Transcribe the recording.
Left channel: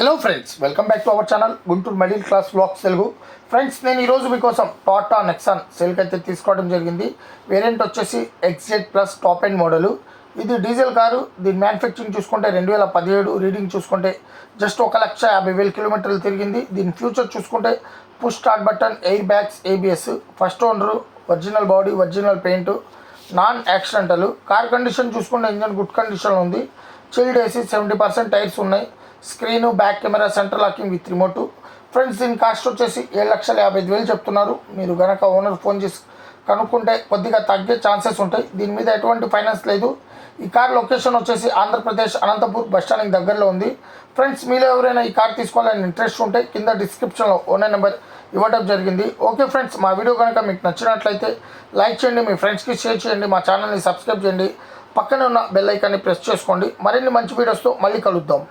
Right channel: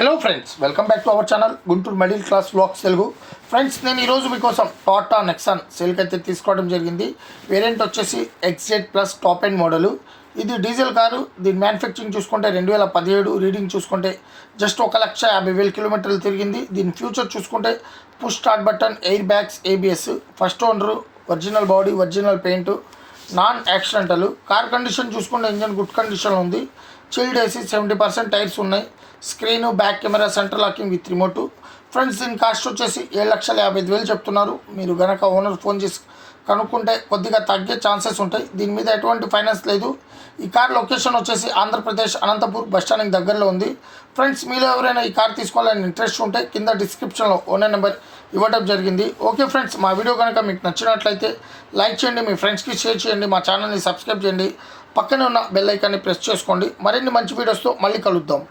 Hello friends, welcome back to our channel Guntur middle class vlogs Telugu. Friends, నేను ఈరోజు మీకోసం Tata Nexon సేల్కి అయితే తీసుకోవడం జరిగింది. వేరియంట్ వచ్చేసి XZ plus top end model. ఇది డీజిల్ కారు. దీని మ్యానుఫ్యాక్చరింగ్ చూసుకుంటే 2017, రీడింగ్ చూసుకుంటే జస్ట్ 1,50,000 కిలోమీటర్లు తిరిగింది. దీని ఫ్యూచర్ చూసుకుంటే push start button, air bags, ABS, first owner, original body, original paint, non accidental. Car condition చూసుకుంటే ఇంజన్ గుడ్ కండిషన్లో ఉంది. చిల్డ్ ఏసీ, 70% టైర్స్ ఉన్నాయి. Screen, back camera, centre locking with remote. Friends, దీని cost వచ్చేసి 7,55,000 చెప్తున్నారు. మీరు కనుక ఓనర్ ఫోన్ చేసి కనుక్కుంటే కొద్దిగా తగ్గే ఛాన్సెస్ ఉంటాయి. దీని మీద ఎటువంటి ఫైనాన్స్ లేదు. ఈ కార్ లొకేషన్ వచ్చేసి ఆంధ్రప్రదేశ్ అనంతపూర్ బస్టాండ్కి దగ్గరలో ఉంది. ఫ్రెండ్స్, మీలో ఎవరైనా ఈ కార్ తీసుకోవాలని ఇంట్రెస్ట్ ఉంటే కింద డిస్క్రిప్షన్లో ఓనర్ నెంబర్ ఇవ్వడం జరిగింది. ఓకే ఫ్రెండ్స్, మా వీడియో కనుక మీకు నచ్చినట్లయితే లైక్ చేయండి, మీ ఫ్రెండ్స్కి షేర్ చేయండి, మా ఛానల్ని సబ్స్క్రైబ్ చేయండి, పక్కనే ఉన్న బెల్ ఐకాన్ని ప్రెస్ చేసుకోండి. మరిన్ని మంచి వీడియోస్తో మళ్ళీ కలుద్దాం.